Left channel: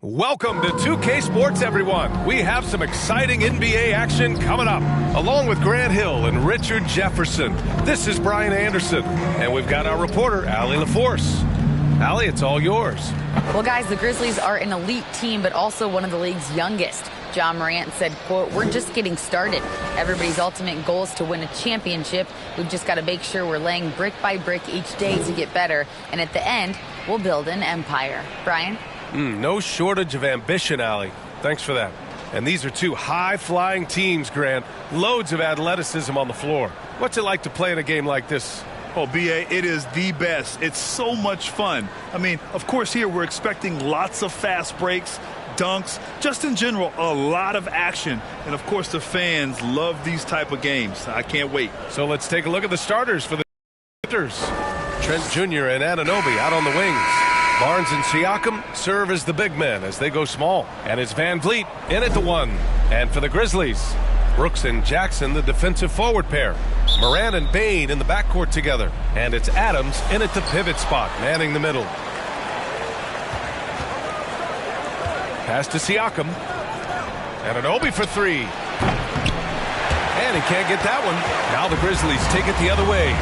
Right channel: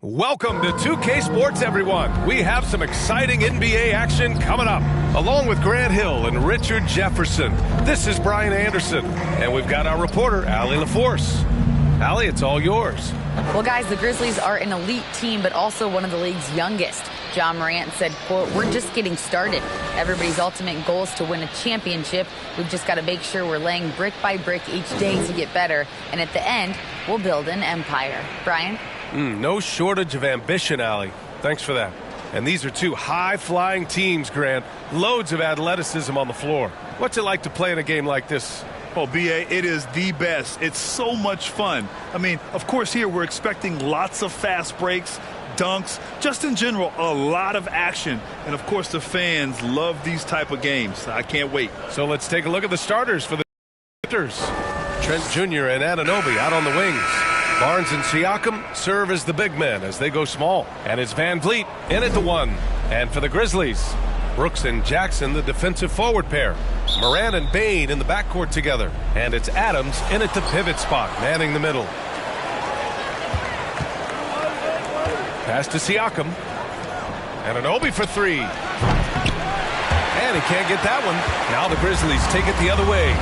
Welcome to 2K Sports, everyone. We have some exciting NBA action coming up. Along with Grant Hill and Richard Jefferson, this is Brian Anderson. And we've got our reporter, Allie LaForce. Allie, it's all yours. Well, guys, the Grizzlies are an elite team, but also one of the league's youngest. John Morant said, quote, "We're just getting started. Everybody's ultimate goal is to win a championship. We've just got to make sure we're laying brick by brick each day to get better. And at the end, we'll build an empire." Brian? No shortage of ambition, Allie. Thanks for that. And these are two high-flying teams, Grant. Loads of athleticism on the floor. What's it like to play in a game like this? Oh, B.A., it is the best. It's so much fun. I mean, of course, here we're expecting lots of fast breaks, dunks, just in general, a lot of action. And, of course, the fans love these type of games. I can't wait. So let's take a look at the starters for the hitters. Trent Jr. and Anunoby out on the wings. Barnes and Siakam serve as the big men as they go small. And it's Van Vliet in at the one. And for the Grizzlies, Brooks and Jackson, the defensive forward pair. Morant and Bane in the backcourt together. And it's Adams in at the pivot spot, manning the middle. Pass to Siakam. Anunoby for three. And he can't get that one. Now the Grizzlies take it the other way.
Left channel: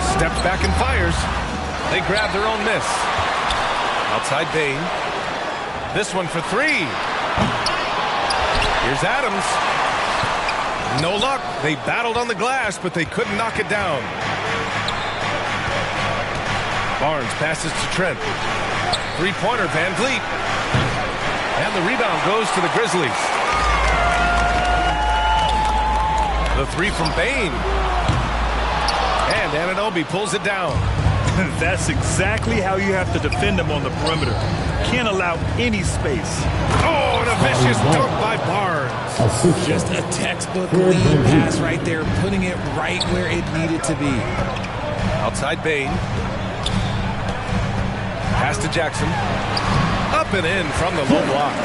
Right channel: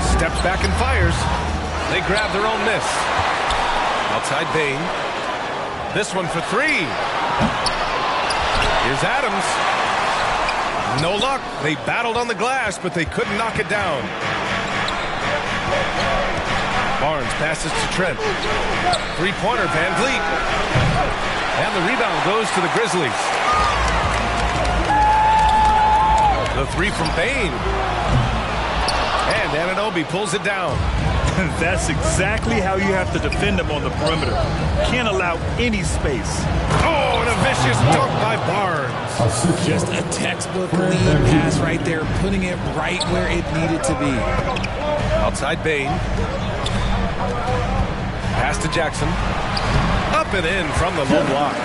Steps back and fires. They grab their own miss. Outside Bane. This one for three. Here's Adams. No luck. They battled on the glass, but they couldn't knock it down. Barnes passes to Trent. Three-pointer, Van Vliet. And the rebound goes to the Grizzlies. The three from Bane. And Anunoby pulls it down. That's exactly how you have to defend them on the perimeter. Can't allow any space. Oh, and a vicious dunk by Barnes. Just a textbook lead pass right there, putting it right where it needed to be. Outside Bane. Pass to Jackson. Up and in from the low block.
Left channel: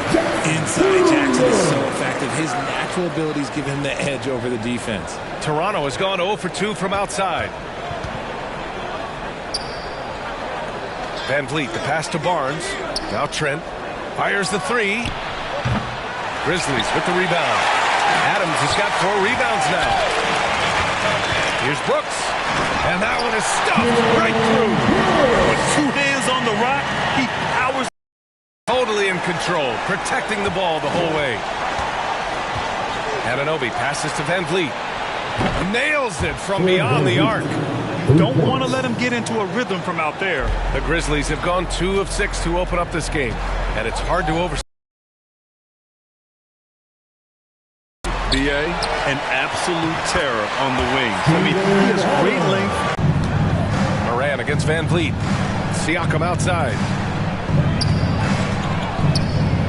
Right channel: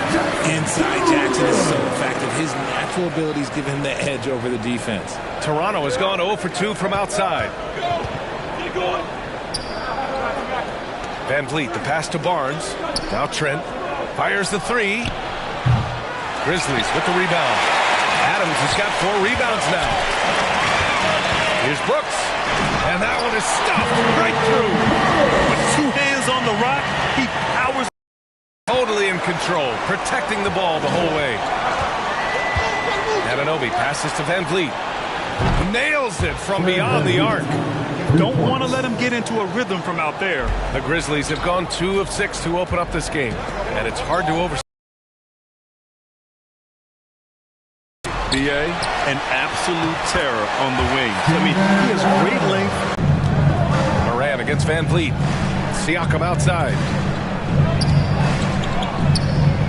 Inside Jackson is so effective. His natural abilities give him the edge over the defense. Toronto has gone 0 for 2 from outside. Van Vliet, the pass to Barnes. Now Trent fires the three. Grizzlies with the rebound. Adams has got 4 rebounds now. Here's Brooks. And that one is stuffed right through. With 2 hands on the rock, he powers. Totally in control, protecting the ball the whole way. Anunoby passes to Van Vliet. Nails it from beyond the arc. Don't want to let him get into a rhythm from out there. The Grizzlies have gone 2 of 6 to open up this game, and it's hard to oversee. B.A., an absolute terror on the wings. I mean, he has great length. Morant against Van Vliet. Siakam outside.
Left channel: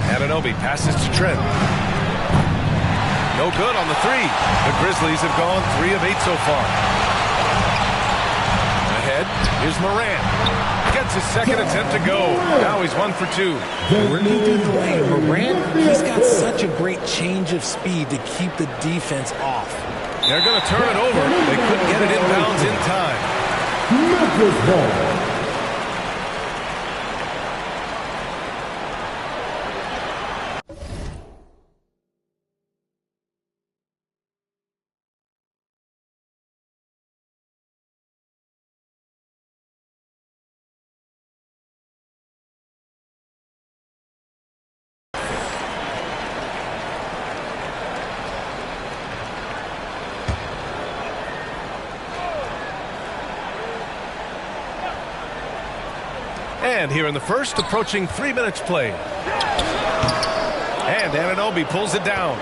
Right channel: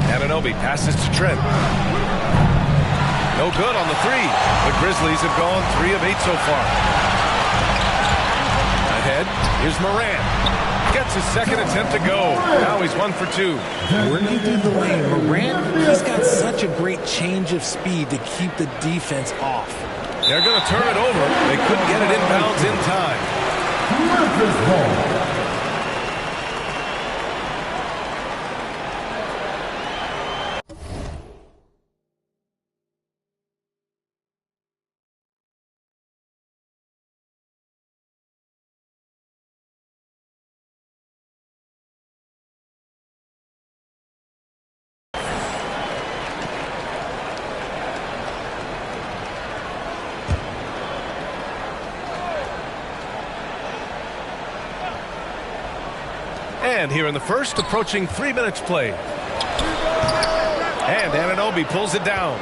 Anunoby passes to Trent. No good on the three. The Grizzlies have gone 3 of 8 so far. Ahead, here's Morant. Gets his second attempt to go. Now he's 1 for 2. Working through the lane, Morant, he's got such a great change of speed to keep the defense off. They're going to turn it over. They couldn't get it inbounds in time. Memphis ball. And here in the first, approaching 3 minutes played. And Anunoby pulls it down.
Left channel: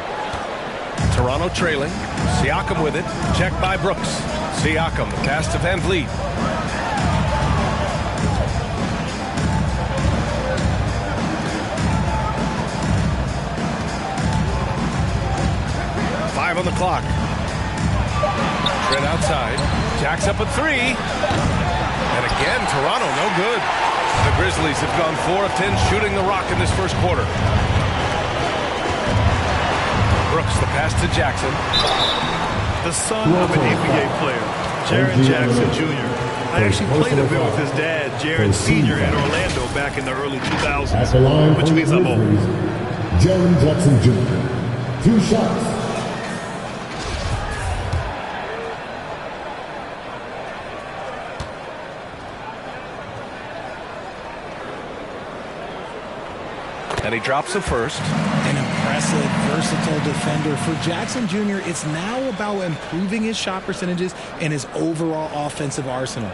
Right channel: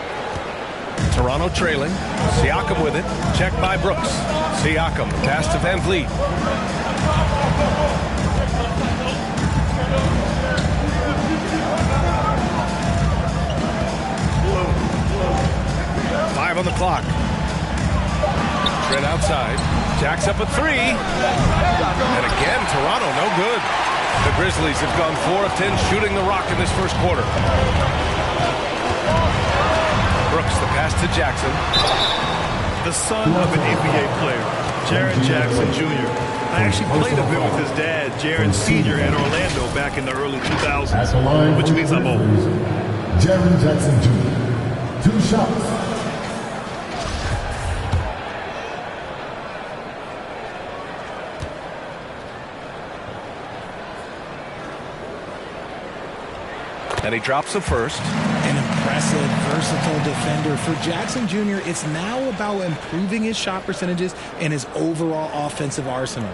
Toronto trailing. Siakam with it. Checked by Brooks. Siakam, the pass to Van Vliet. Five on the clock. Trent outside. Jacks up a three. And again, Toronto, no good. The Grizzlies have gone 4 of 10 shooting the rock in this first quarter. Brooks, the pass to Jackson. the son of an NBA player, Jaren Jackson Jr. I actually played a bit with his dad, Jaren Sr. in Orlando back in the early 2000s, which means I'm old. Jaren Jackson Jr. 2 shots. And he drops the first. An impressive, versatile defender. For Jackson Jr., it's now about improving his shot percentages and his overall offensive arsenal.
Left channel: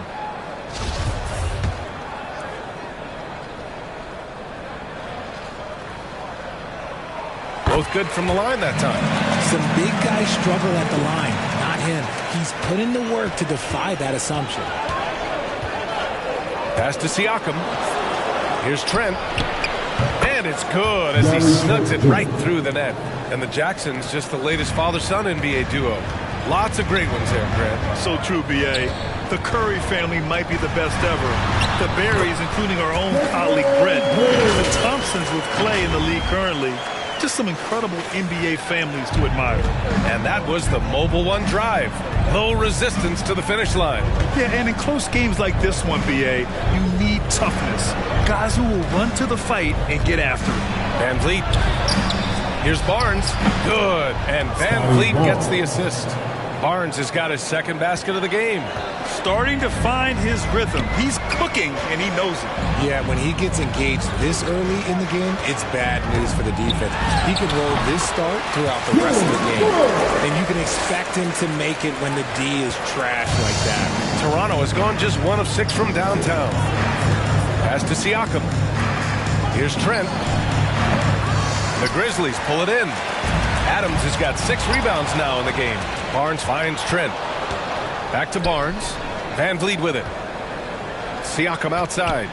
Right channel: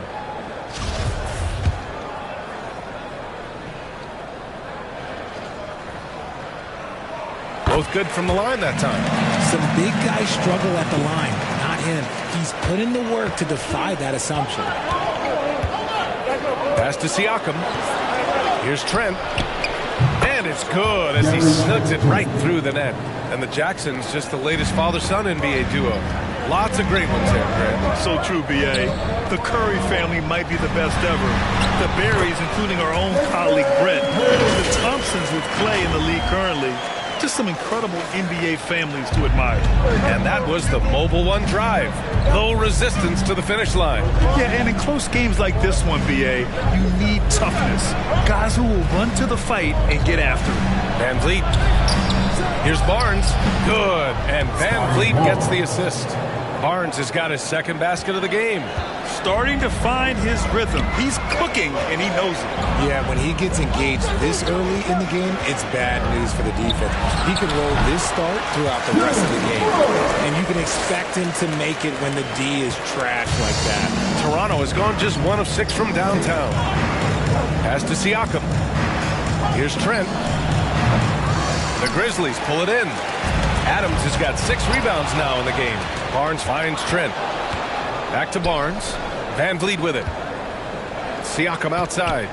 Both good from the line that time. Some big guys struggle at the line, not him. He's put in the work to defy that assumption. Pass to Siakam. Here's Trent. And it's good as he snugs it right through the net. And the Jacksons just the latest father-son NBA duo. Lots of great ones there, Grant. So true, B.A. The Curry family might be the best ever. The Berrys, including our own colleague Brent. The Thompsons with Clay in the league currently. Just some incredible NBA families to admire. And that was the Mobile One drive. Low resistance to the finish line. Yeah, and in close games like this one, B.A., you need toughness. Guys who will run to the fight and get after it. Van Vliet. Here's Barnes. Good. And Van Vliet gets the assist. Barnes has got his second basket of the game. Starting to find his rhythm. He's cooking, and he knows it. Yeah, when he gets engaged this early in the game, it's bad news for the defense. He can roll this start throughout the rest of the game. And you can expect him to make it when the D is trash like that. Toronto has gone just 1 of 6 from downtown. Pass to Siakam. Here's Trent. The Grizzlies pull it in. Adams has got 6 rebounds now in the game. Barnes finds Trent. Back to Barnes. Van Vliet with it. Siakam outside.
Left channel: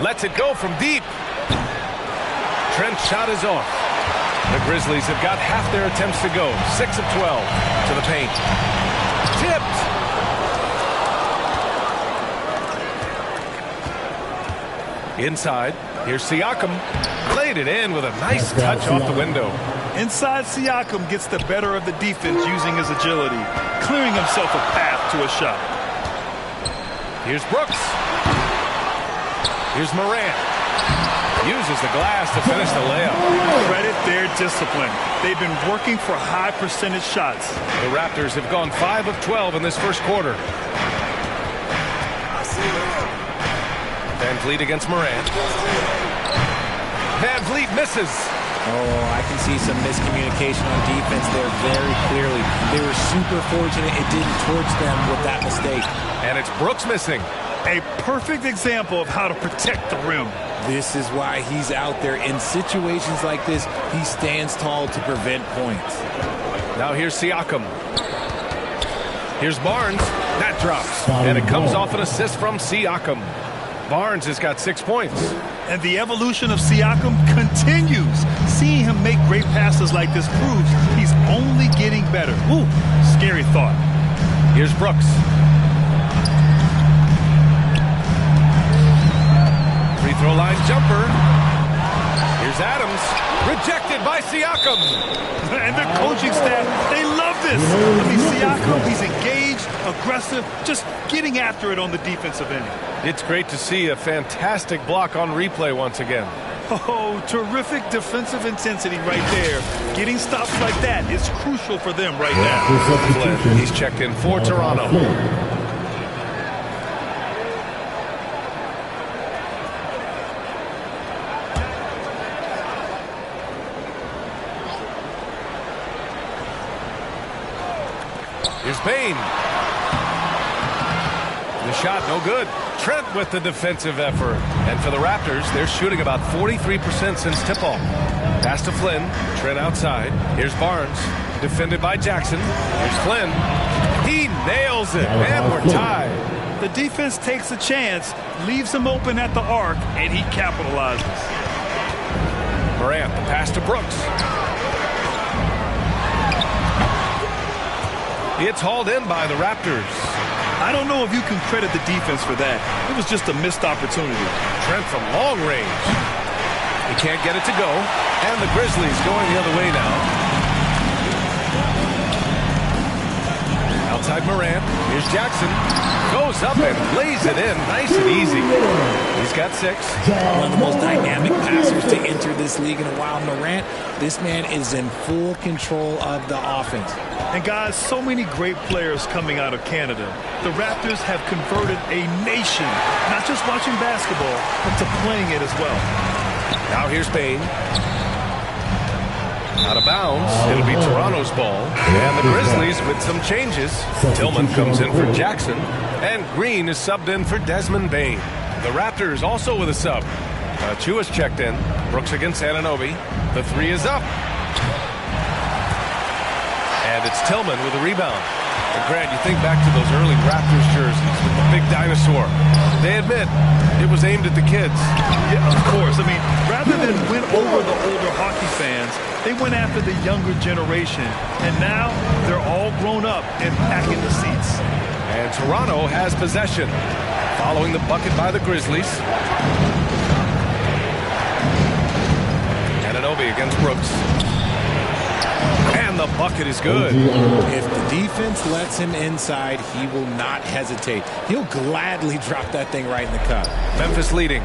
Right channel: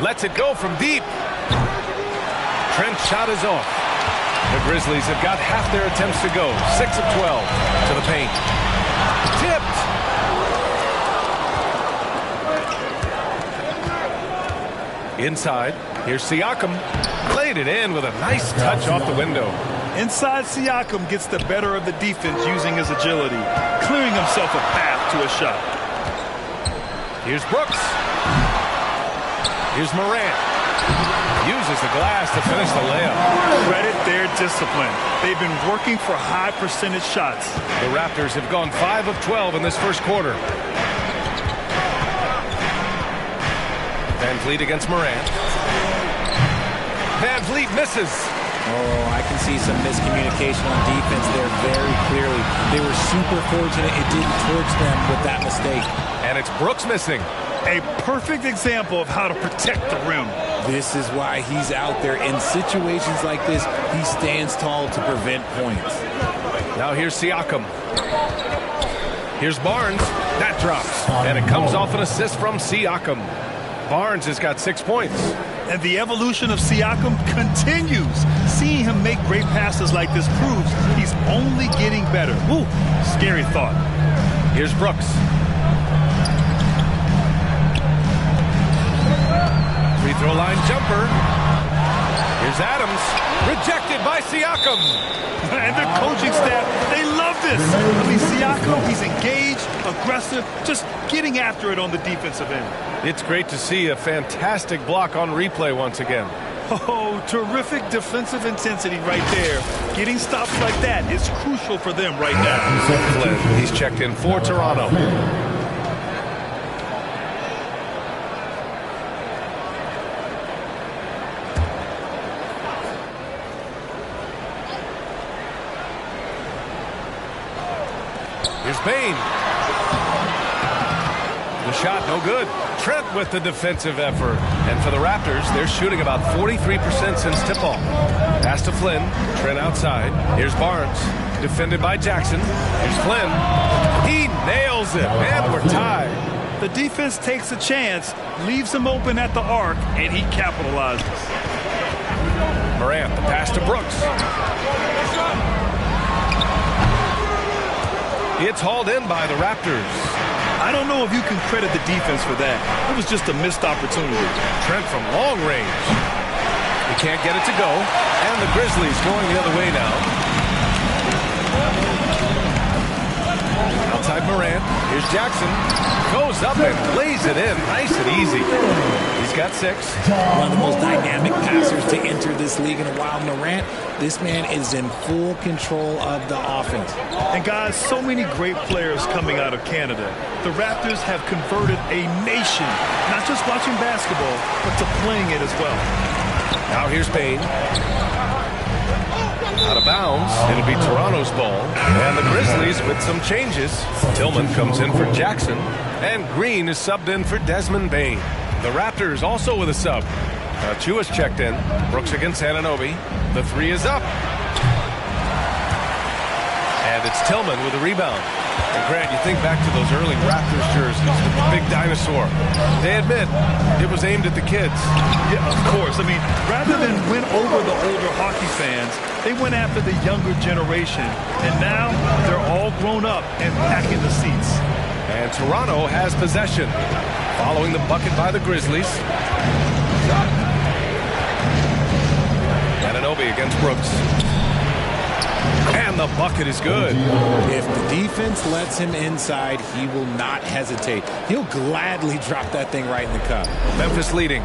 Lets it go from deep. Trent's shot is off. The Grizzlies have got half their attempts to go. 6 of 12 to the paint. Tipped. Inside. Here's Siakam. Laid it in with a nice touch off the window. Inside, Siakam gets the better of the defense using his agility, clearing himself a path to a shot. Here's Brooks. Here's Morant. Uses the glass to finish the layup. Credit their discipline. They've been working for high percentage shots. The Raptors have gone 5 of 12 in this first quarter. Van Vliet against Morant. Van Vliet misses. Oh, I can see some miscommunication on defense there very clearly. They were super fortunate it didn't torch them with that mistake. And it's Brooks missing. A perfect example of how to protect the rim. This is why he's out there. In situations like this, he stands tall to prevent points. Now here's Siakam. Here's Barnes. That drops. And it comes off an assist from Siakam. Barnes has got 6 points. And the evolution of Siakam continues. Seeing him make great passes like this proves he's only getting better. Ooh, scary thought. Here's Brooks. Free throw line jumper. Here's Adams. Rejected by Siakam. And the coaching staff, they love this. I mean, Siakam, he's engaged, aggressive, just getting after it on the defensive end. It's great to see a fantastic block on replay once again. Oh, terrific defensive intensity right there. Getting stops like that is crucial for them right now. Flynn, he's checked in for Toronto. Here's Bane. The shot, no good. Trent with the defensive effort. And for the Raptors, they're shooting about 43% since tip-off. Pass to Flynn. Trent outside. Here's Barnes. Defended by Jackson. Here's Flynn. He nails it. And we're tied. The defense takes a chance, leaves him open at the arc, and he capitalizes. Morant, the pass to Brooks. It's hauled in by the Raptors. I don't know if you can credit the defense for that. It was just a missed opportunity. Trent from long range. He can't get it to go. And the Grizzlies going the other way now. Outside Morant. Here's Jackson. Goes up and lays it in. Nice and easy. He's got 6. One of the most dynamic passers to enter this league in a while. Morant, this man is in full control of the offense. And guys, so many great players coming out of Canada. The Raptors have converted a nation, not just watching basketball, but to playing it as well. Now here's Bane. Out of bounds. It'll be Toronto's ball. And the Grizzlies with some changes. Tillman comes in for Jackson. And Green is subbed in for Desmond Bane. The Raptors also with a sub. Chua's checked in. Brooks against Anunoby. The 3 is up. And it's Tillman with a rebound. And Grant, you think back to those early Raptors jerseys with the big dinosaur. They admit it was aimed at the kids. Yeah, of course. I mean, rather than win over the older hockey fans, they went after the younger generation. And now they're all grown up and packing the seats. And Toronto has possession. Following the bucket by the Grizzlies. Anunoby against Brooks. And the bucket is good. If the defense lets him inside, he will not hesitate. He'll gladly drop that thing right in the cup. Memphis leading.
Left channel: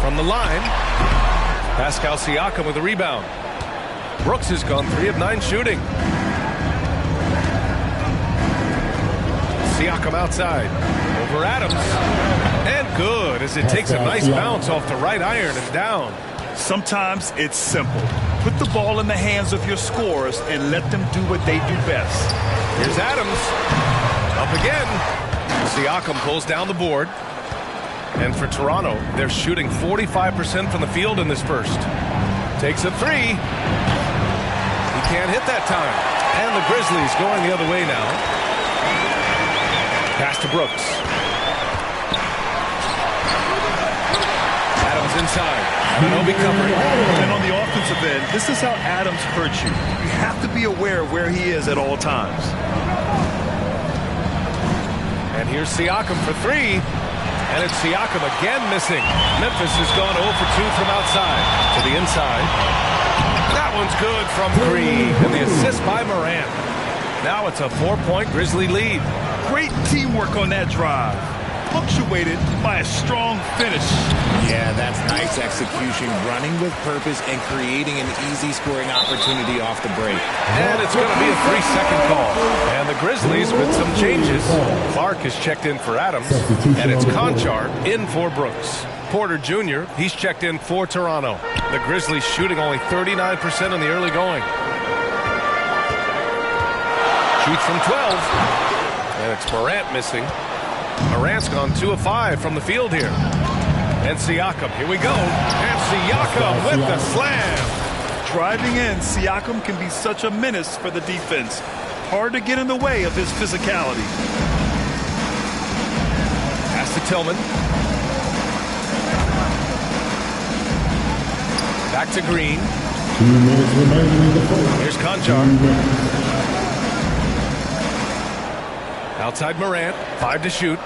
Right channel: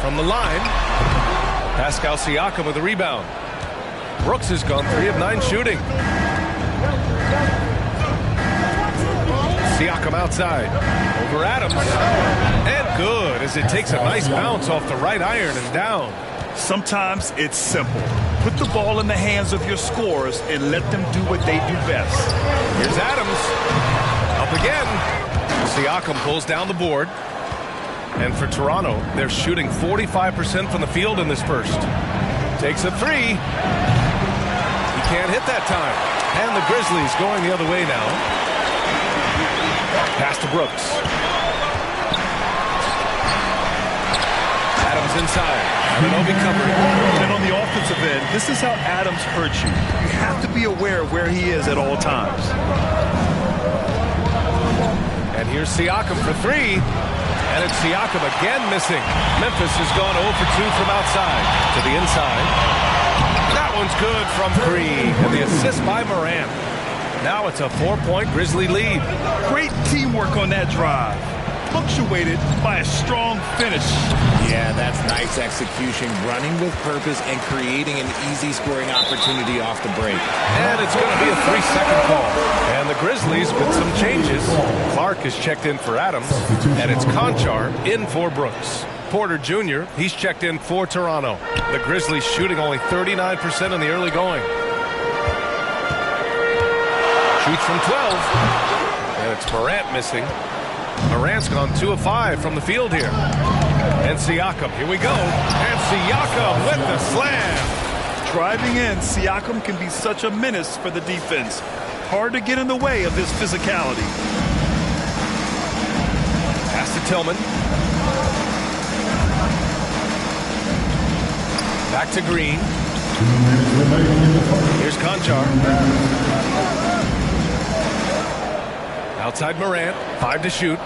From the line, Pascal Siakam with a rebound. Brooks has gone 3 of 9 shooting. Siakam outside. Over Adams. And good as it takes a nice bounce off the right iron and down. Sometimes it's simple. Put the ball in the hands of your scorers and let them do what they do best. Here's Adams. Up again. Siakam pulls down the board. And for Toronto, they're shooting 45% from the field in this first. Takes a 3. He can't hit that time. And the Grizzlies going the other way now. Pass to Brooks. Adams inside. Anunoby covering. And on the offensive end, this is how Adams hurts you. You have to be aware of where he is at all times. And here's Siakam for 3. And it's Siakam again missing. Memphis has gone 0 for 2 from outside to the inside. That one's good from 3. And the assist by Morant. Now it's a 4-point Grizzly lead. Great teamwork on that drive. Punctuated by a strong finish. Yeah, that's nice execution, running with purpose and creating an easy scoring opportunity off the break. And it's going to be a 3-second call. And the Grizzlies with some changes. Clark is checked in for Adams, and it's Conchar in for Brooks. Porter Jr., he's checked in for Toronto. The Grizzlies shooting only 39% in the early going. Shoots from 12. And it's Morant missing. Morant's gone 2 of 5 from the field here. And Siakam, here we go. And Siakam with the slam. Driving in, Siakam can be such a menace for the defense. Hard to get in the way of his physicality. Pass to Tillman. Back to Green. 2 minutes remaining in the fight. Here's Conchar. Outside Morant, 5 to shoot.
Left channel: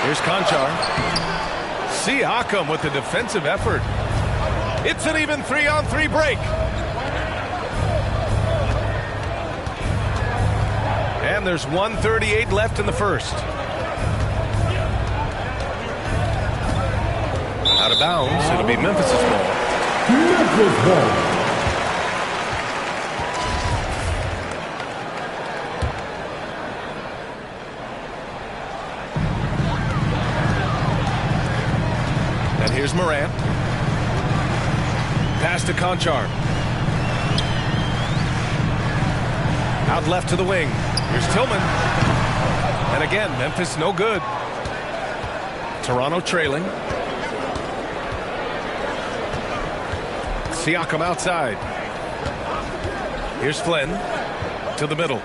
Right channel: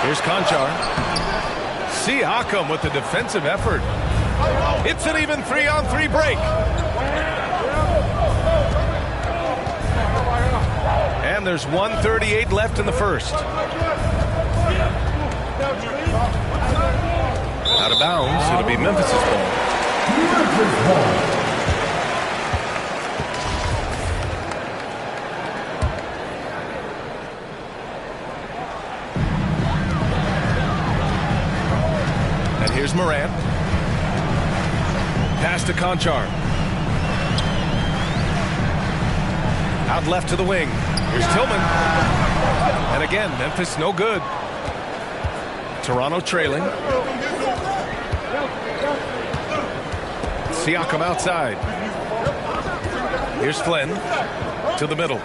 Here's Conchar. Siakam with the defensive effort. It's an even 3-on-3 break. And there's 1:38 left in the first. Out of bounds, it'll be Memphis's ball. Memphis ball. And here's Morant. Pass to Conchar. Out left to the wing. Here's Tillman. And again, Memphis no good. Toronto trailing. Siakam outside. Here's Flynn to the middle.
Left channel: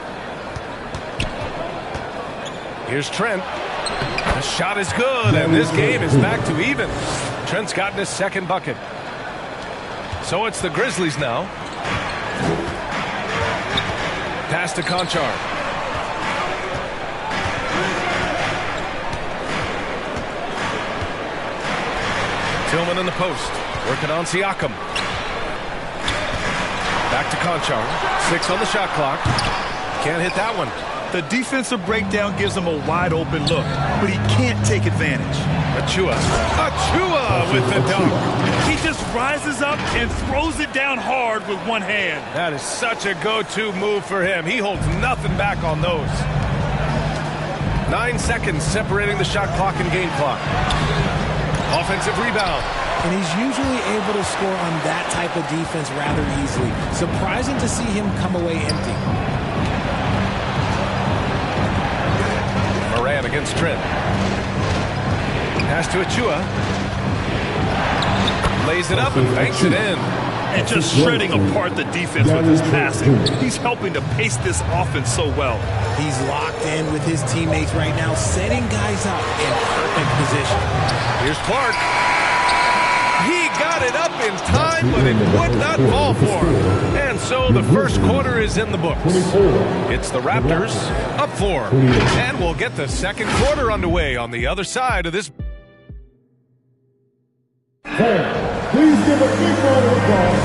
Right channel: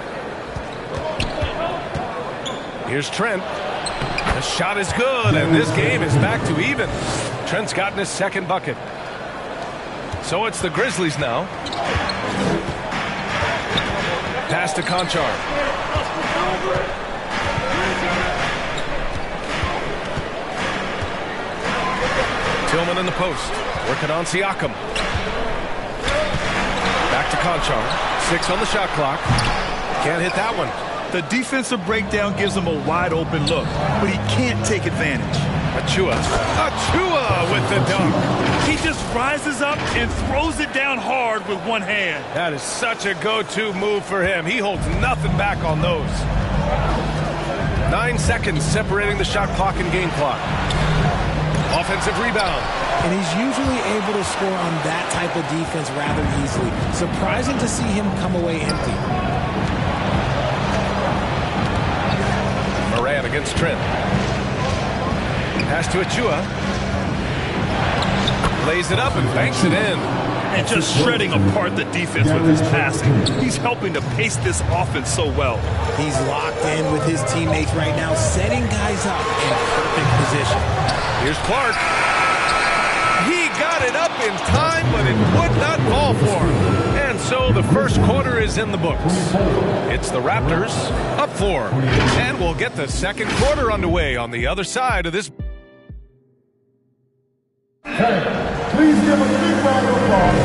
Here's Trent. The shot is good, and this game is back to even. Trent's gotten his second bucket. So it's the Grizzlies now. Pass to Conchar. Tillman in the post. Working on Siakam. Back to Conchar. 6 on the shot clock. Can't hit that one. The defensive breakdown gives him a wide open look, but he can't take advantage. Achua with the dunk. He just rises up and throws it down hard with one hand. That is such a go-to move for him. He holds nothing back on those. 9 seconds separating the shot clock and game clock. Offensive rebound. And he's usually able to score on that type of defense rather easily. Surprising to see him come away empty. Morant against Trent. Pass to Achua. Lays it up and banks it in. And just shredding apart the defense with his passing. He's helping to pace this offense so well. He's locked in with his teammates right now, setting guys up in perfect position. Here's Clark. He got it up in time, but it would not fall for him. And so the first quarter is in the books. It's the Raptors up 4. And we'll get the second quarter underway on the other side of this. Please give a big round of applause.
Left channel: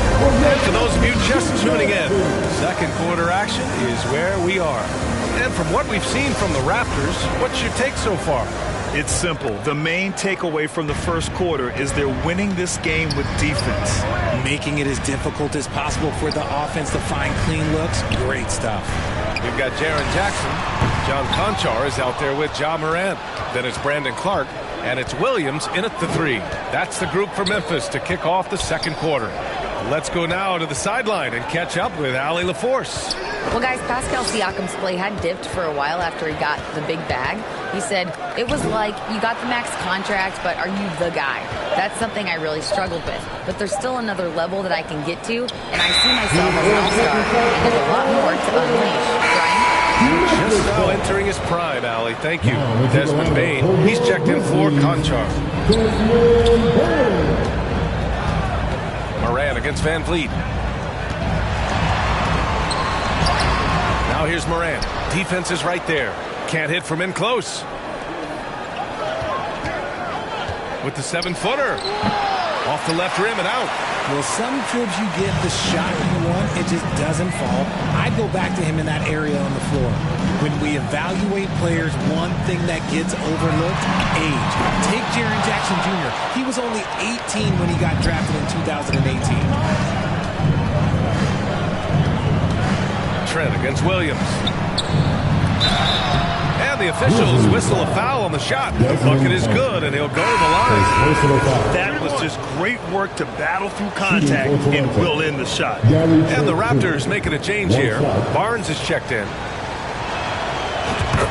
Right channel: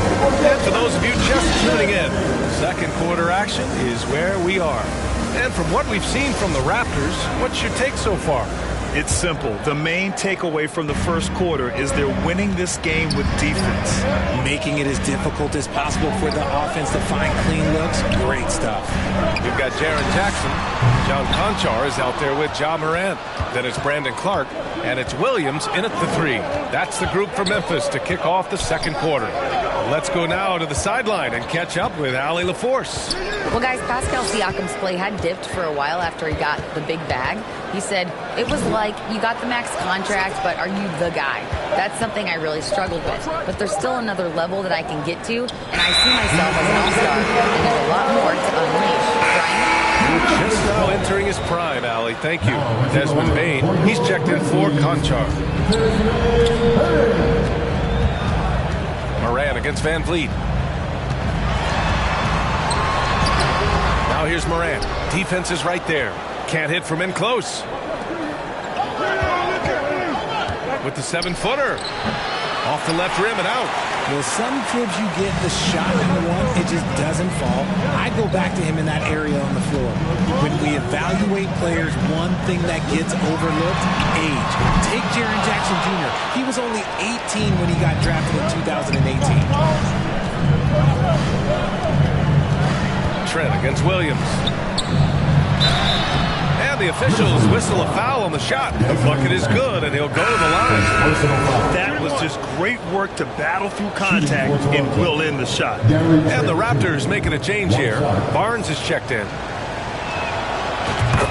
And for those of you just tuning in, second quarter action is where we are. And from what we've seen from the Raptors, what's your take so far? It's simple. The main takeaway from the first quarter is they're winning this game with defense. Making it as difficult as possible for the offense to find clean looks. Great stuff. We've got Jaren Jackson. John Conchar is out there with Ja Morant. Then it's Brandon Clark. And it's Williams in at the 3. That's the group for Memphis to kick off the second quarter. Let's go now to the sideline and catch up with Allie LaForce. Well, guys, Pascal Siakam's play had dipped for a while after he got the big bag. He said, it was like, you got the max contract, but are you the guy? That's something I really struggled with. But there's still another level that I can get to, and I see myself as an all-star, and there's a lot more to unleash. Brian? Just now entering his prime, Allie. Thank you. Desmond Bane. He's checked in for Conchar. Morant against Van Vliet. Now here's Morant. Defense is right there. Can't hit from in close. With the 7-footer. Off the left rim and out. Well, some trips you get the shot you want, it just doesn't fall. I'd go back to him in that area on the floor. When we evaluate players, one thing that gets overlooked, age. Take Jaren Jackson Jr. He was only 18 when he got drafted in 2018. Trent against Williams. And the officials whistle a foul on the shot. The bucket is good, and he'll go to the line. That was just great work to battle through contact and will in the shot. And the Raptors making a change here. Barnes is checked in.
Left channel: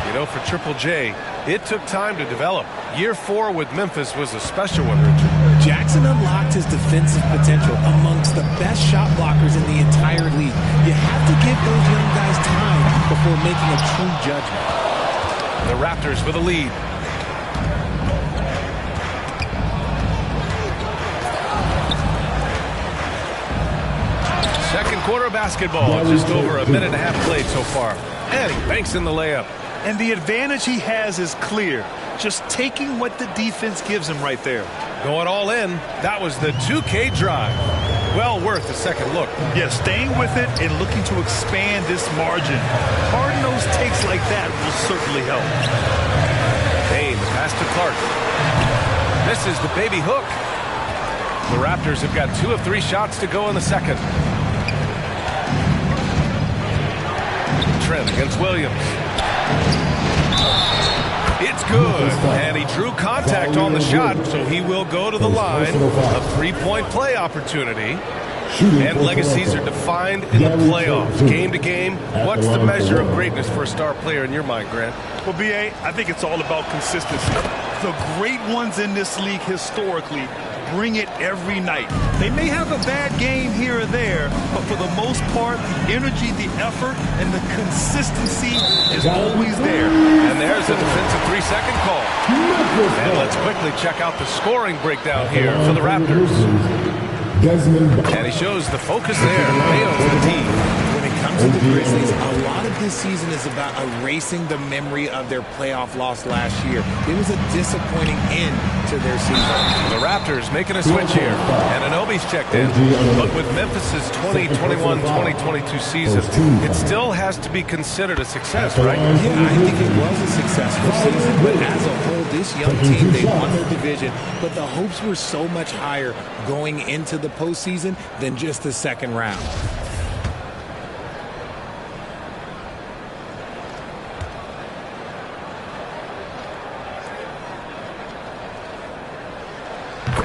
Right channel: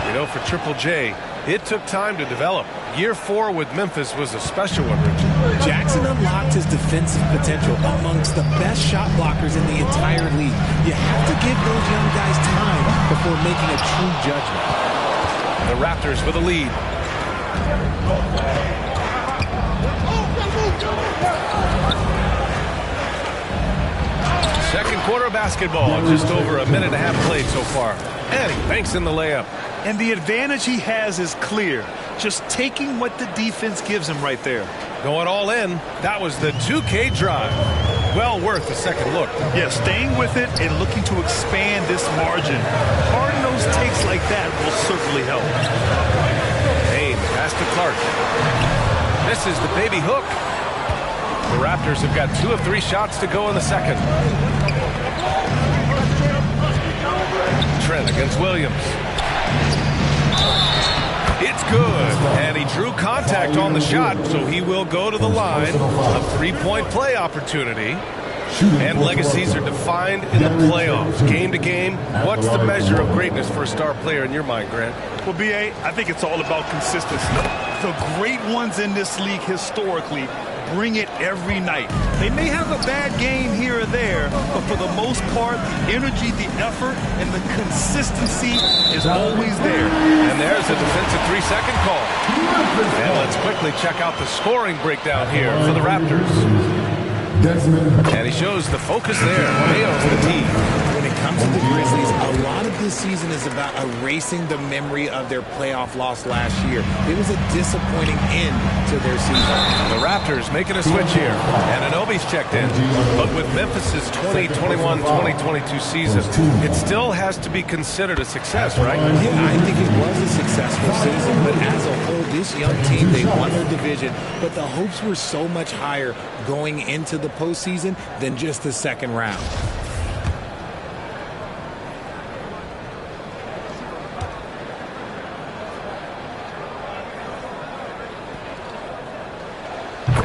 You know, for Triple J, it took time to develop. Year 4 with Memphis was a special one, Richard. Jackson unlocked his defensive potential amongst the best shot blockers in the entire league. You have to give those young guys time before making a true judgment. The Raptors with a lead. Second quarter of basketball. Just over a minute and a half played so far. And he banks in the layup. And the advantage he has is clear. Just taking what the defense gives him right there. Going all in. That was the 2K drive. Well worth a second look. Yeah, staying with it and looking to expand this margin. Hard-nosed takes like that will certainly help. Payne, the pass to Clark. Misses the baby hook. The Raptors have got 2 of 3 shots to go in the second. Trent against Williams. It's good. And he drew contact on the shot, so he will go to the line. A 3-point play opportunity. And legacies are defined in the playoffs. Game to game, what's the measure of greatness for a star player in your mind, Grant? Well, B.A., I think it's all about consistency. The great ones in this league historically bring it every night. They may have a bad game here or there, but for the most part, the energy, the effort, and the consistency is always there. And there's a defensive 3-second call. And let's quickly check out the scoring breakdown here for the Raptors. And he shows the focus there. Mayo's the D. When When it comes to the Grizzlies, a lot of this season is about erasing the memory of their playoff loss last year. It was a disappointing end to their season. The Raptors making a switch here. Ananobi's checked in. But with Memphis's 2021-2022 season, it still has to be considered a success, right? Yeah, I think it was a successful season. But as a whole, this young team, they won their division. But the hopes were so much higher going into the postseason than just the second round.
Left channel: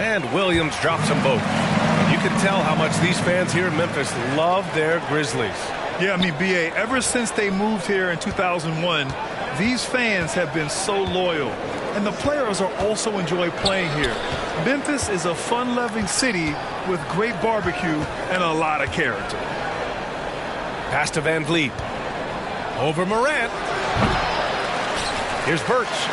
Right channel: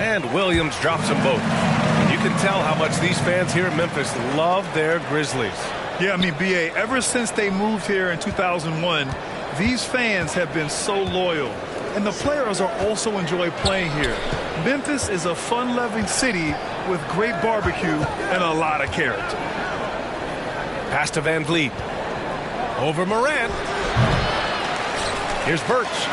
And Williams drops them both. And you can tell how much these fans here in Memphis love their Grizzlies. Yeah, I mean, B.A., ever since they moved here in 2001, these fans have been so loyal. And the players are also enjoy playing here. Memphis is a fun-loving city with great barbecue and a lot of character. Pass to Van Vliet. Over Morant. Here's Birch.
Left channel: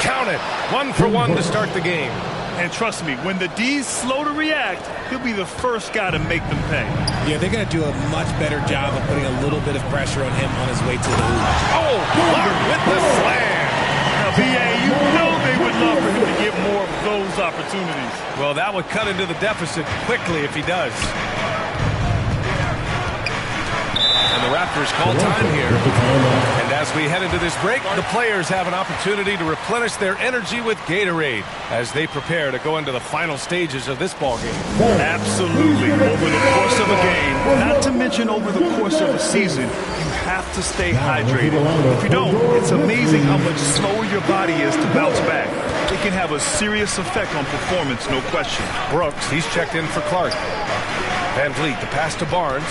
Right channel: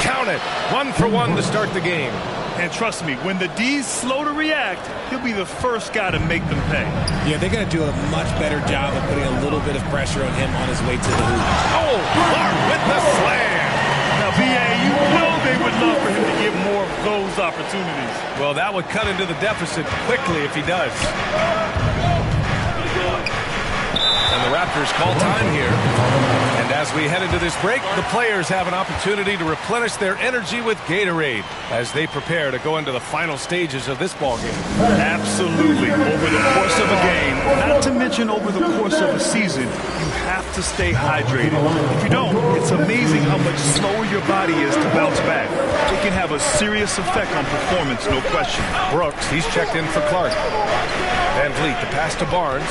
Count it. 1 for 1 to start the game. And trust me, when the D's slow to react, he'll be the first guy to make them pay. Yeah, they're going to do a much better job of putting a little bit of pressure on him on his way to the hoop. Oh, Clark with the slam. Now, B.A., you know they would love for him to get more of those opportunities. Well, that would cut into the deficit quickly if he does. And the Raptors call time here. And as we head into this break, the players have an opportunity to replenish their energy with Gatorade as they prepare to go into the final stages of this ball game. Absolutely. Over the course of a game, not to mention over the course of a season, you have to stay hydrated. If you don't, it's amazing how much slower your body is to bounce back. It can have a serious effect on performance, no question. Brooks, he's checked in for Clark. Van Vliet, the pass to Barnes.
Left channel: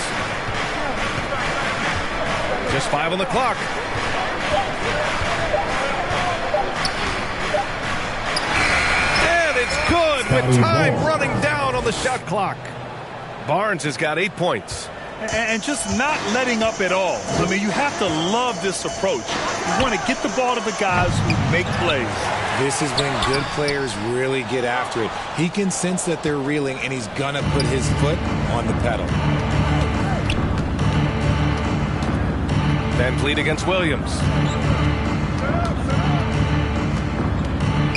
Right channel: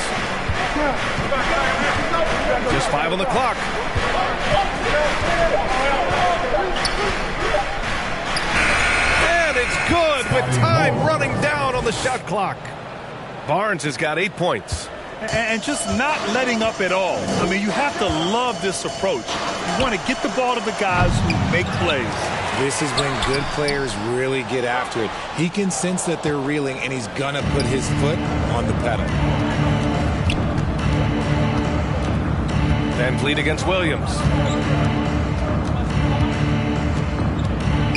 Just 5 on the clock. And it's good with time running down on the shot clock. Barnes has got 8 points. And just not letting up at all. I mean, you have to love this approach. You want to get the ball to the guys who make plays. This is when good players really get after it. He can sense that they're reeling, and he's going to put his foot on the pedal. Van Vliet against Williams.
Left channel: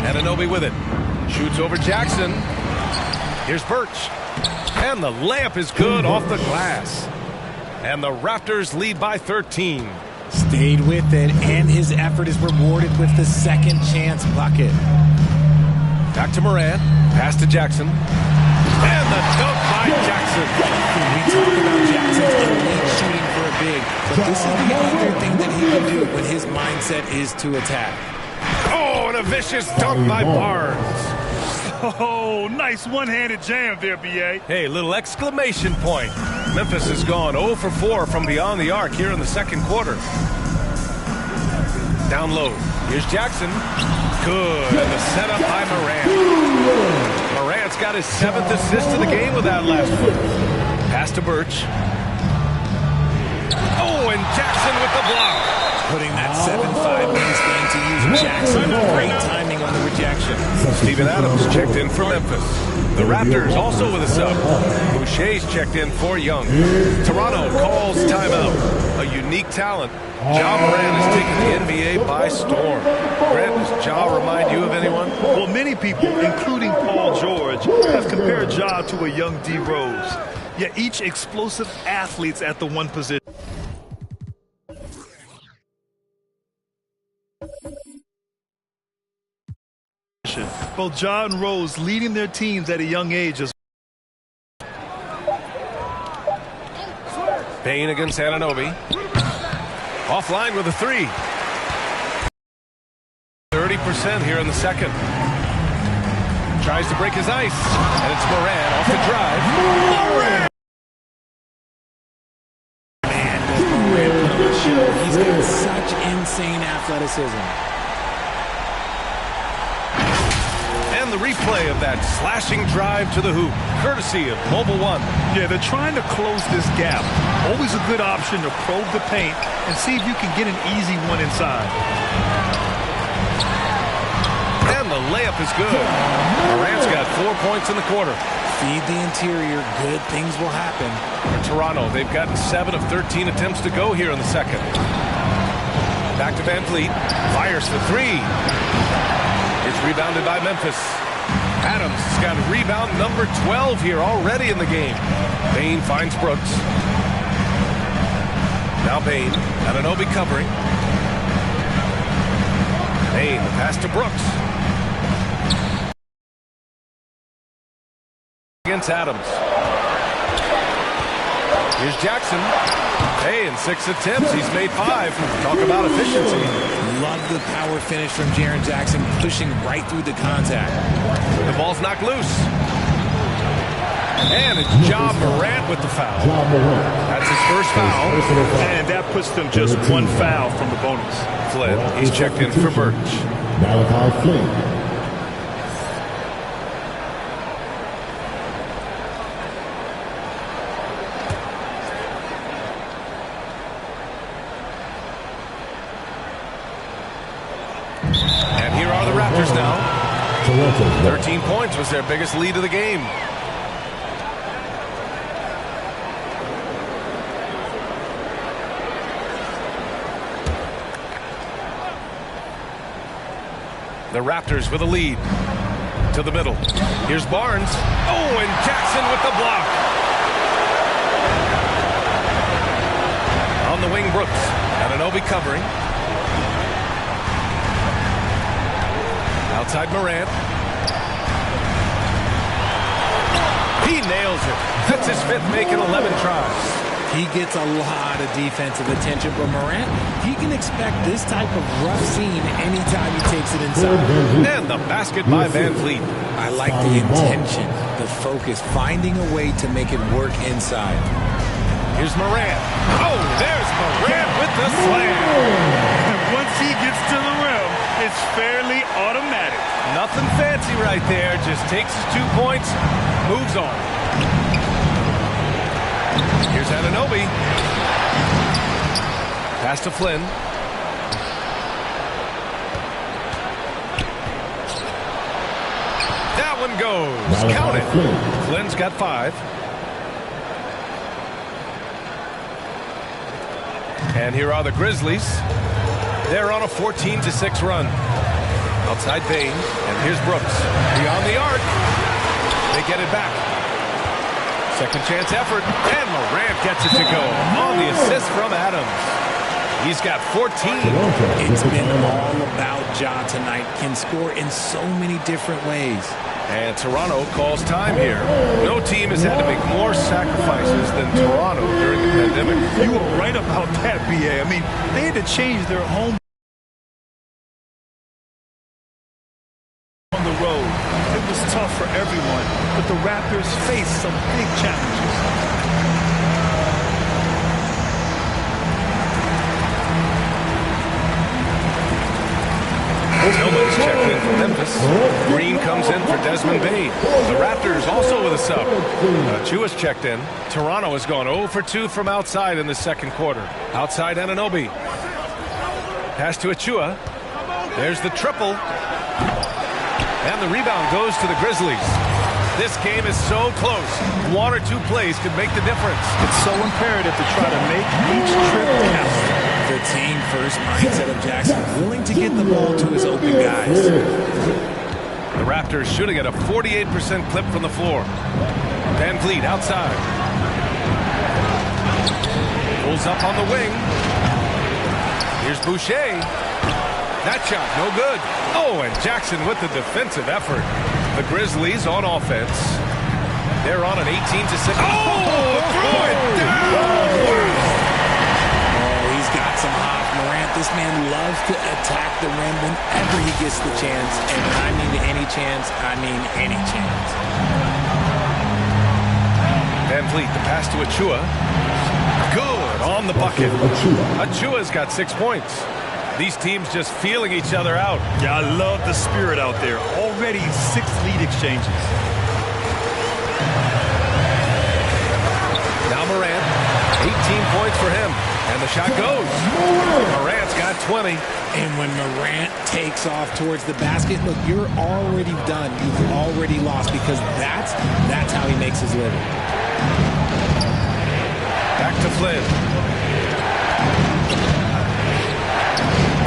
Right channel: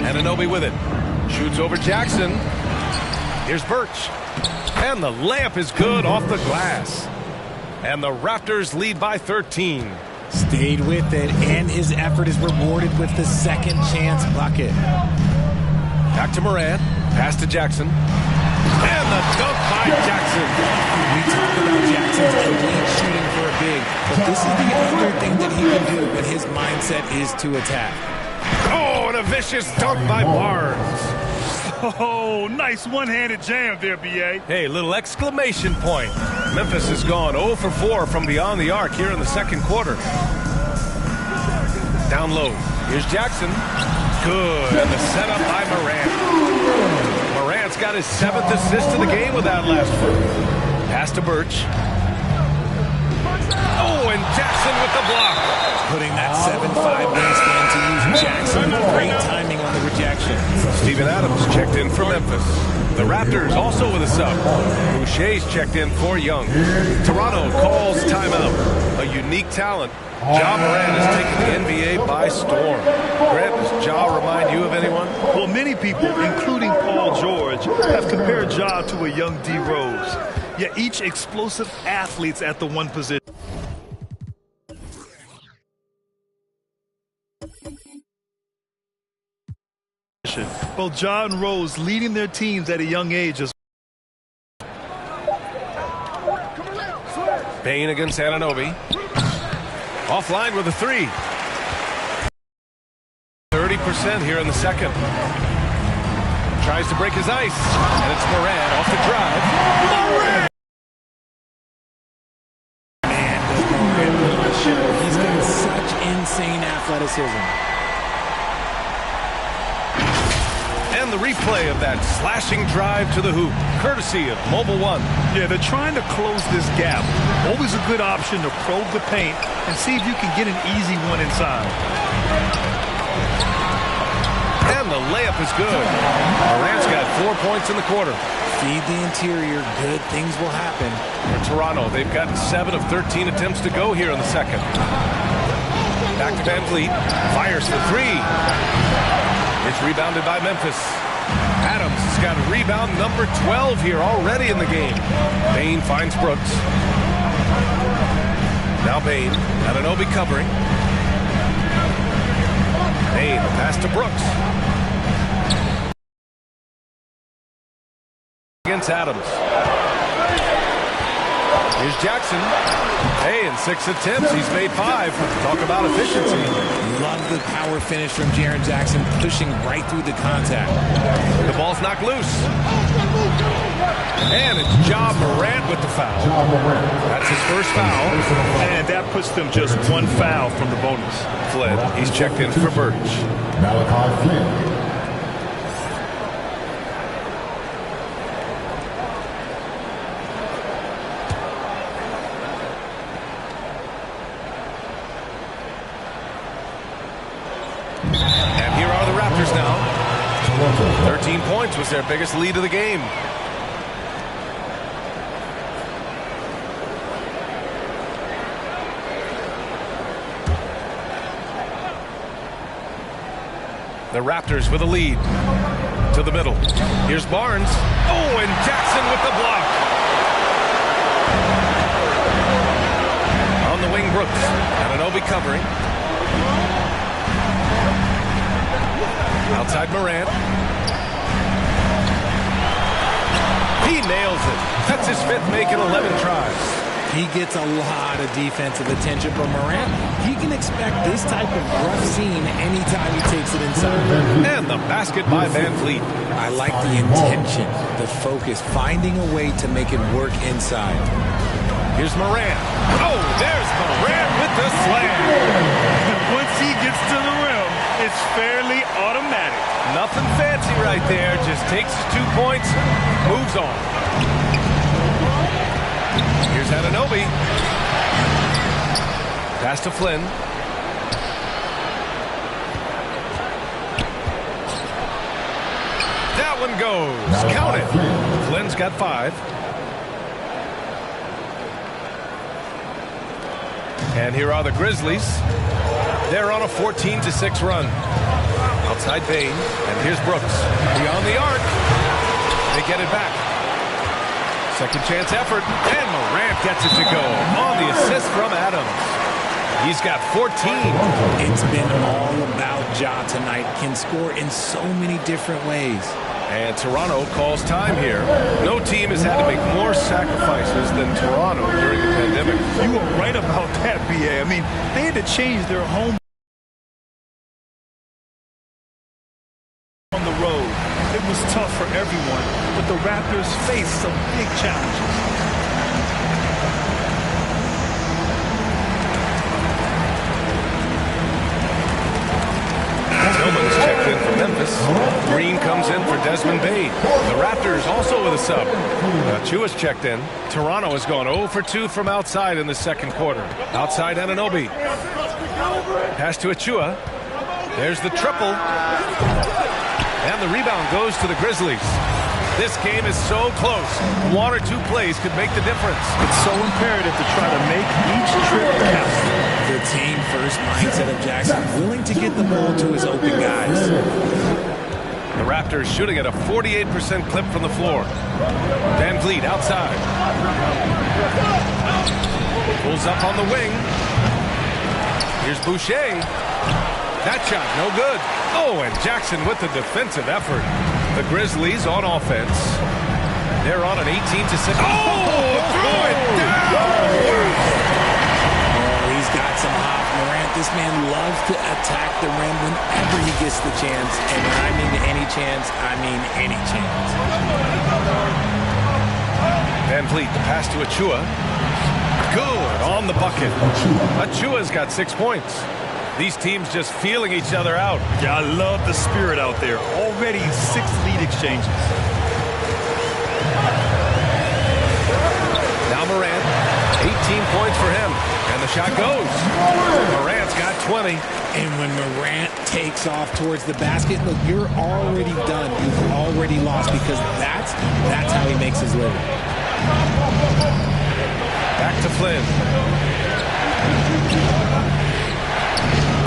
Anunoby with it. Shoots over Jackson. Here's Birch. And the layup is good off the glass. And the Raptors lead by 13. Stayed with it, and his effort is rewarded with the second chance bucket. Back to Morant. Pass to Jackson. And the dunk by Jackson. We talk about Jackson's elite shooting for a big, but this is the other thing that he can do when his mindset is to attack. Oh, and a vicious dunk by Barnes. Oh, nice one-handed jam there, B.A. Hey, little exclamation point. Memphis has gone 0 for 4 from beyond the arc here in the second quarter. Down low. Here's Jackson. Good. And the setup by Morant. Morant's got his 7th assist of the game with that last one. Pass to Birch. Oh, and Jackson with the block. Putting that 7'5 wingspan to use Jackson. Great timing on the rejection. Steven Adams checked in for Memphis. The Raptors also with a sub. Boucher's checked in for Young. Toronto calls timeout. A unique talent. Ja Morant has taken the NBA by storm. Grant, does Ja remind you of anyone? Well, many people, including Paul George, have compared Ja to a young D. Rose. Yet each explosive athletes at the one position. Both Ja and Rose leading their teams at a young age as Payne against Anunoby. Offline with a 3. 30% here in the second. Tries to break his ice. And it's Morant off the drive. Morant! Man, does Morant put on a show. He's got such insane athleticism. And the replay of that slashing drive to the hoop, courtesy of Mobile One. Yeah, they're trying to close this gap. Always a good option to probe the paint and see if you can get an easy one inside. And the layup is good. Morant's got 4 points in the quarter. Feed the interior. Good things will happen. For Toronto, they've gotten 7 of 13 attempts to go here in the second. Back to Van Vliet. Fires for 3. It's rebounded by Memphis. Adams has got a rebound number 12 here already in the game. Bane finds Brooks. Now Bane. Anunoby covering. Bane, the pass to Brooks. Against Adams. Here's Jackson. Hey, in 6 attempts, he's made 5. Talk about efficiency. Love the power finish from Jaren Jackson, pushing right through the contact. The ball's knocked loose. And it's Ja Morant with the foul. That's his first foul. And that puts them just 1 foul from the bonus. Flynn, he's checked in for Birch. Malachi Flynn. And here are the Raptors now. 13 points was their biggest lead of the game. The Raptors with a lead. To the middle. Here's Barnes. Oh, and Jackson with the block. On the wing, Brooks. Anunoby covering. Outside Morant. He nails it. That's his 5th make in 11 tries. He gets a lot of defensive attention, but Morant, he can expect this type of rough scene anytime he takes it inside. And the basket by Van Vliet. I like the intention, the focus, finding a way to make it work inside. Here's Morant. Oh, there's Morant with the slam. And once he gets to the rim, it's fairly automatic. Nothing fancy right there. Just takes his 2 points, moves on. Here's Anunoby. Pass to Flynn. That one goes. Count it. Flynn's got 5. And here are the Grizzlies. They're on a 14-6 run. Outside Bane. And here's Brooks. Beyond the arc. They get it back. Second chance effort. And Morant gets it to go on the assist from Adams. He's got 14. It's been all about Ja tonight. Can score in so many different ways. And Toronto calls time here. No team has had to make more sacrifices than Toronto during the pandemic. You were right about that, B.A. I mean, they had to change their home on the road. It was tough for everyone, but the Raptors faced some big challenges. Tillman's checked in for Memphis. Green comes in for Desmond Bane. The Raptors also with a sub. Achua's checked in. Toronto has gone 0 for 2 from outside in the second quarter. Outside Anunoby. Pass to Achua. There's the triple. And the rebound goes to the Grizzlies. This game is so close. 1 or 2 plays could make the difference. It's so imperative to try to make each trip count. The team-first mindset of Jackson, willing to get the ball to his open guys. The Raptors shooting at a 48% clip from the floor. Van Vliet outside. Pulls up on the wing. Here's Boucher. That shot, no good. Oh, and Jackson with the defensive effort. The Grizzlies on offense. They're on an 18-6. Oh, threw it down! Wow! He's got some hop. Morant, this man loves to attack the rim whenever he gets the chance. And when I mean any chance, I mean any chance. Van Vliet, the pass to Achua. Good on the bucket. Achua's got 6 points. These teams just feeling each other out. Yeah, I love the spirit out there. Already 6 lead exchanges. Now Morant, 18 points for him. And the shot goes. Morant's got 20. And when Morant takes off towards the basket, look, you're already done. You've already lost because that's how he makes his living. Back to Flynn.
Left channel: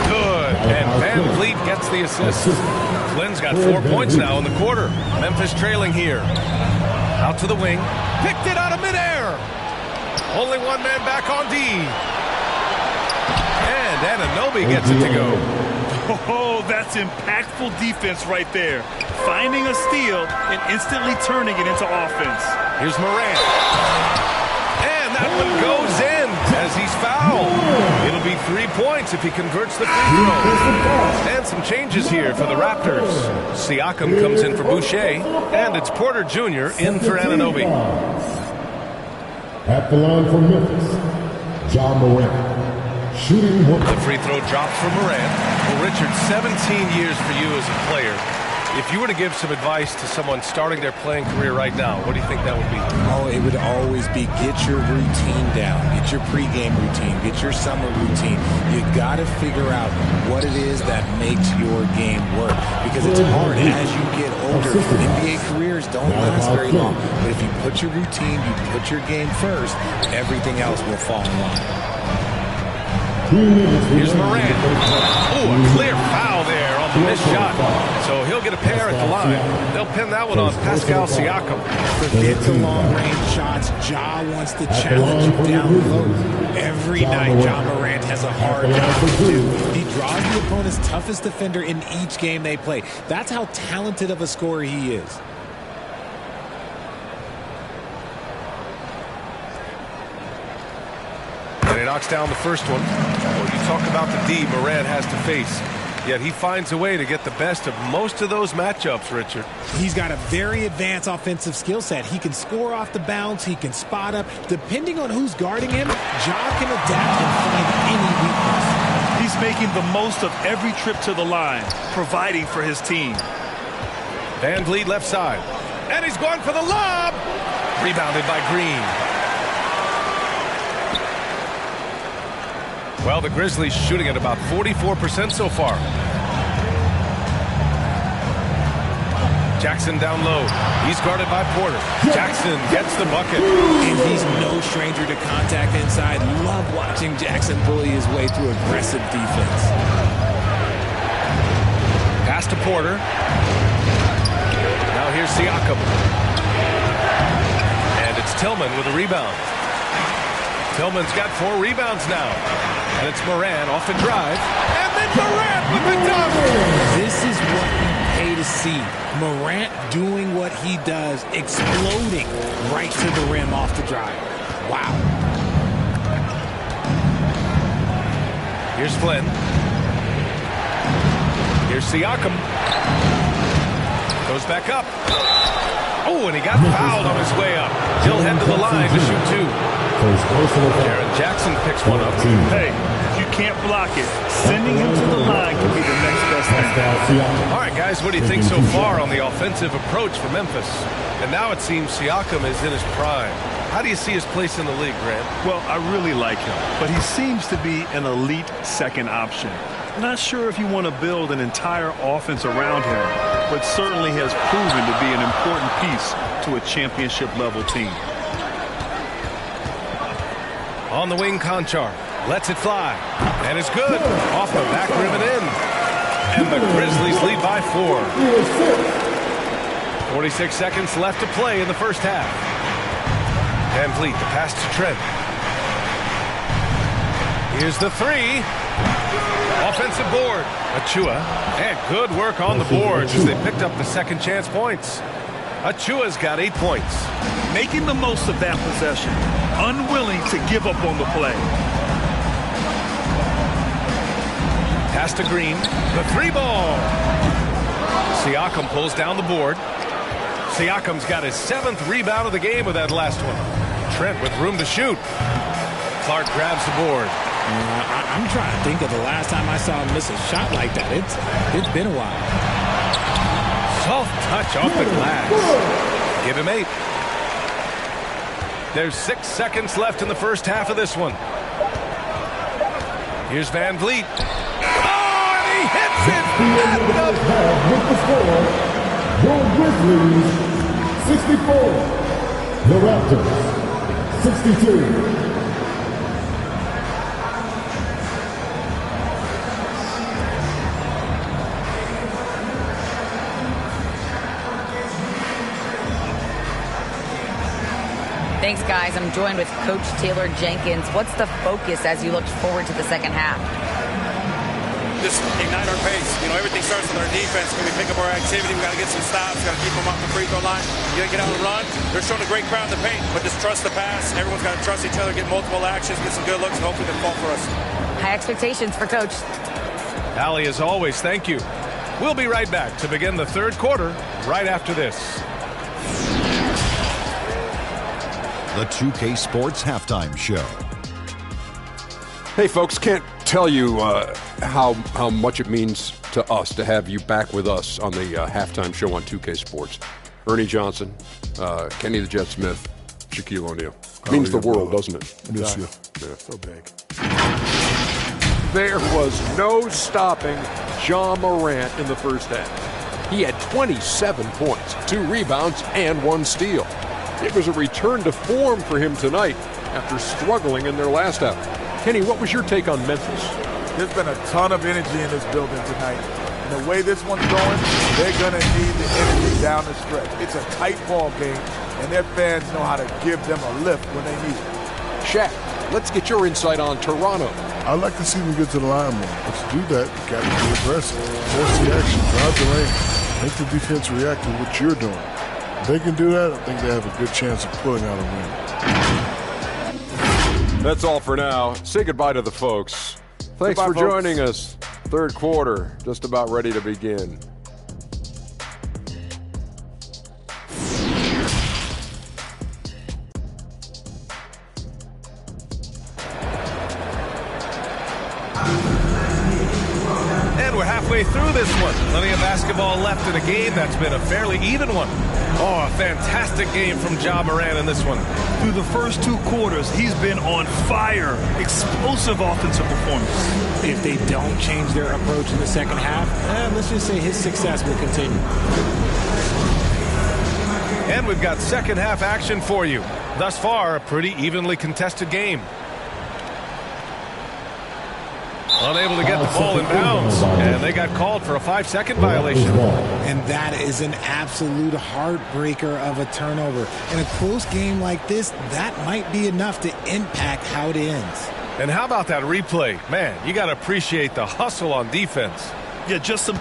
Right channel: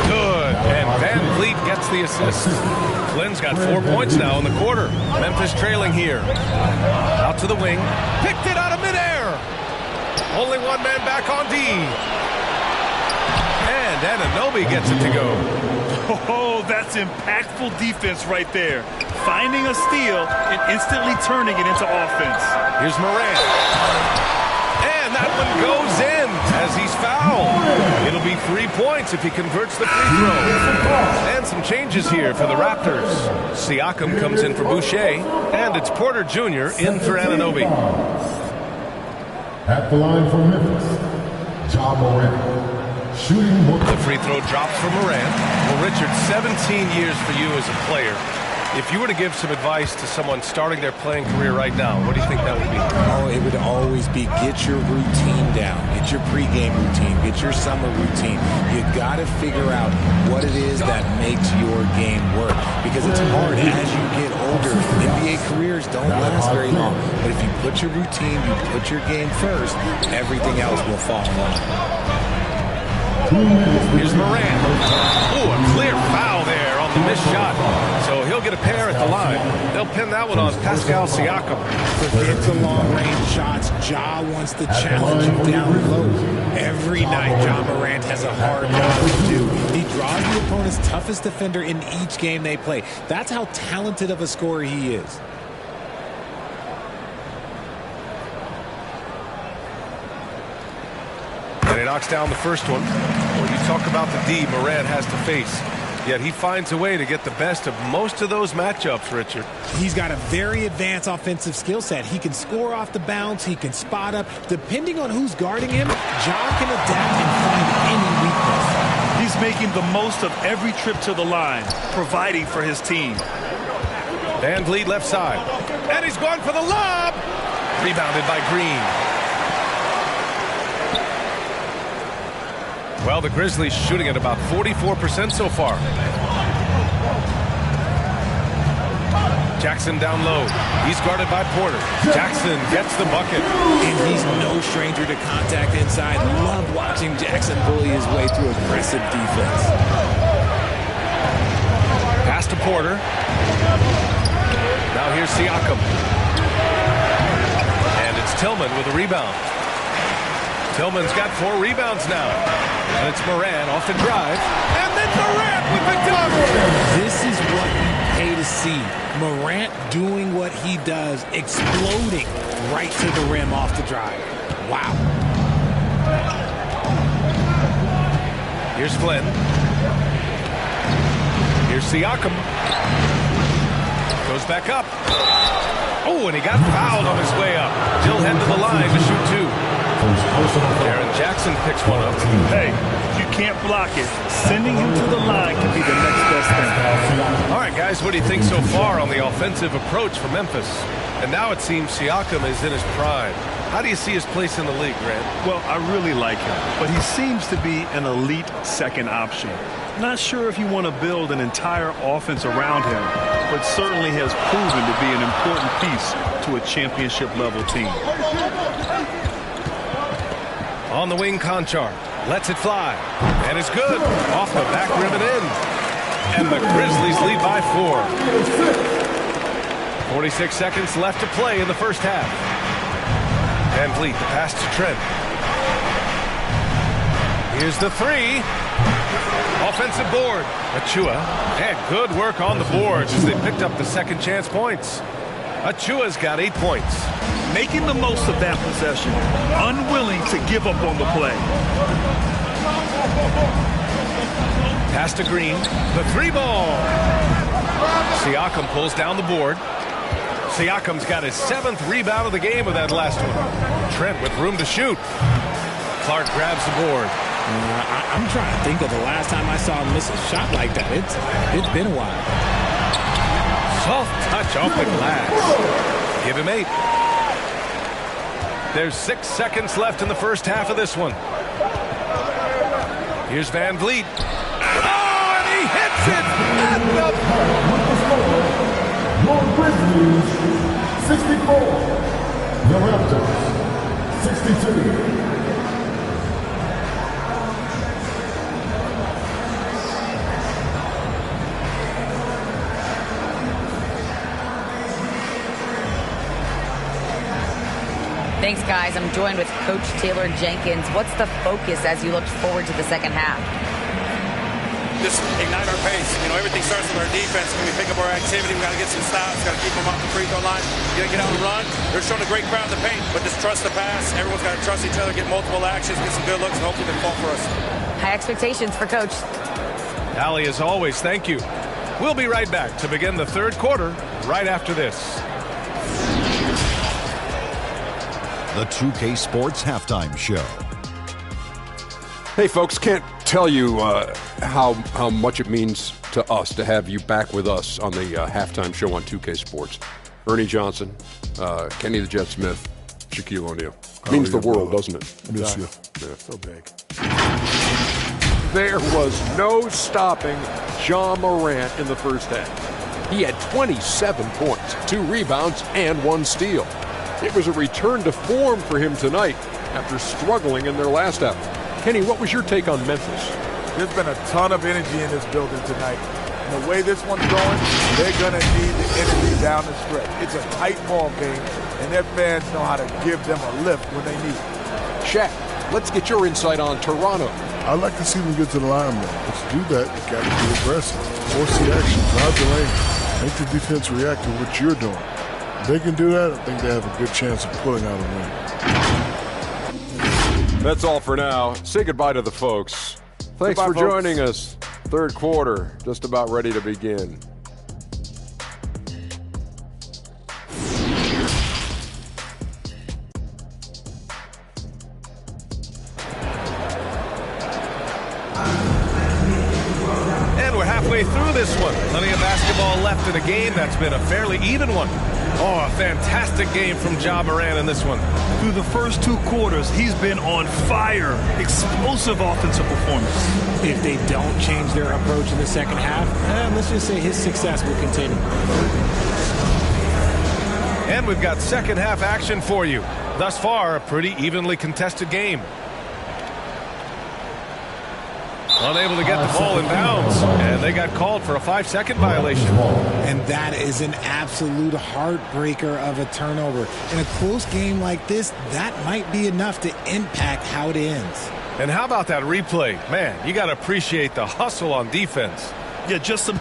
Good. And Van Vliet gets the assist. Flynn's got 4 points now in the quarter. Memphis trailing here. Out to the wing. Picked it out of midair. Only one man back on D. And Anunoby gets it to go. Oh, that's impactful defense right there. Finding a steal and instantly turning it into offense. Here's Morant. And that one goes in as he's fouled. It'll be 3 points if he converts the free throw. And some changes here for the Raptors. Siakam comes in for Boucher. And it's Porter Jr. in for Anunoby. At the line for Memphis, Ja Morant. Shooting the free throw drops for Morant. Well, Richard, 17 years for you as a player. If you were to give some advice to someone starting their playing career right now, what do you think that would be? Oh, it would always be get your routine down. Get your pregame routine. Get your summer routine. You got to figure out what it is that makes your game work. Because it's hard as you get older. NBA careers don't last very long. But if you put your routine, you put your game first, everything else will fall in line. Here's Morant. Oh, a clear foul there on the missed shot. So he'll get a pair at the line. They'll pin that one on Pascal Siakam. Forget the long-range shots. Ja wants to challenge you down low. Every night, Ja Morant has a hard job to do. He draws the opponent's toughest defender in each game they play. That's how talented of a scorer he is. And he knocks down the first one. Well, you talk about the D Morant has to face. Yet he finds a way to get the best of most of those matchups, Richard. He's got a very advanced offensive skill set. He can score off the bounce. He can spot up. Depending on who's guarding him, Ja can adapt and find any weakness. He's making the most of every trip to the line, providing for his team. Van Vliet left side. And he's going for the lob. Rebounded by Green. Well, the Grizzlies shooting at about 44% so far. Jackson down low. He's guarded by Porter. Jackson gets the bucket. And he's no stranger to contact inside. Love watching Jackson bully his way through aggressive defense. Pass to Porter. Now here's Siakam. And it's Tillman with a rebound. Tillman's got 4 rebounds now. And it's Morant off the drive. And then Morant with the dunk. This is what we pay to see. Morant doing what he does, exploding right to the rim off the drive. Wow. Here's Flynn. Here's Siakam. Goes back up. Oh, and he got fouled on his way up. He'll head to the line to shoot 2. Jaren Jackson picks one up. Hey, if you can't block it, sending him to the line can be the next best thing. All right, guys, what do you think so far on the offensive approach for Memphis? And now it seems Siakam is in his prime. How do you see his place in the league, Grant? Well, I really like him, but he seems to be an elite second option. Not sure if you want to build an entire offense around him, but certainly has proven to be an important piece to a championship-level team. On the wing, Conchar lets it fly. And it's good. Off the back rim and in. And the Grizzlies lead by 4. 46 seconds left to play in the first half. Van Vliet, the pass to Trent. Here's the 3. Offensive board. Achua. And good work on the boards as they picked up the second chance points. Achua's got 8 points. Making the most of that possession. Unwilling to give up on the play. Pass to Green. The 3-ball. Siakam pulls down the board. Siakam's got his 7th rebound of the game with that last one. Trent with room to shoot. Clark grabs the board. I'm trying to think of the last time I saw him miss a shot like that. It's been a while. Soft touch off the glass. Give him 8. There's 6 seconds left in the first half of this one. Here's Van Vliet. Oh, and he hits it at the... With the score, your Grizzlies 64, the Raptors 62. Thanks, guys. I'm joined with Coach Taylor Jenkins. What's the focus as you look forward to the second half? Just ignite our pace. Everything starts with our defense. When we pick up our activity, we got to get some stops. Got to keep them off the free throw line. You got to get out and run. They're showing a great crowd in the paint, but just trust the pass. Everyone's got to trust each other, get multiple actions, get some good looks, and hopefully they fall for us. High expectations for Coach. Allie, as always, thank you. We'll be right back to begin the third quarter right after this. The 2K Sports Halftime Show. Hey, folks, can't tell you how much it means to us to have you back with us on the halftime show on 2K Sports. Ernie Johnson, Kenny the Jet Smith, Shaquille O'Neal. Means the world, doesn't it? Miss you. Yeah. So big. There was no stopping Ja Morant in the first half. He had 27 points, 2 rebounds, and 1 steal. It was a return to form for him tonight after struggling in their last half. Kenny, what was your take on Memphis? There's been a ton of energy in this building tonight. And the way this one's going, they're going to need the energy down the stretch. It's a tight ball game, and their fans know how to give them a lift when they need it. Shaq, let's get your insight on Toronto. I'd like to see them get to the line more. But to do that, you got to be aggressive. Force the action, drive the lane, make the defense react to what you're doing. If they can do that, I think they have a good chance of pulling out a win. That's all for now. Say goodbye to the folks. Thanks for joining us. Third quarter, just about ready to begin. And we're halfway through this one. Plenty of basketball left in a game that's been a fairly even one. Oh, a fantastic game from Ja Morant in this one. Through the first 2 quarters, he's been on fire. Explosive offensive performance. If they don't change their approach in the second half, let's just say his success will continue. And we've got second half action for you. Thus far, a pretty evenly contested game. Unable to get the ball in bounds, and they got called for a 5-second violation. And that is an absolute heartbreaker of a turnover. In a close game like this, that might be enough to impact how it ends. And how about that replay? Man, you got to appreciate the hustle on defense. Yeah, just some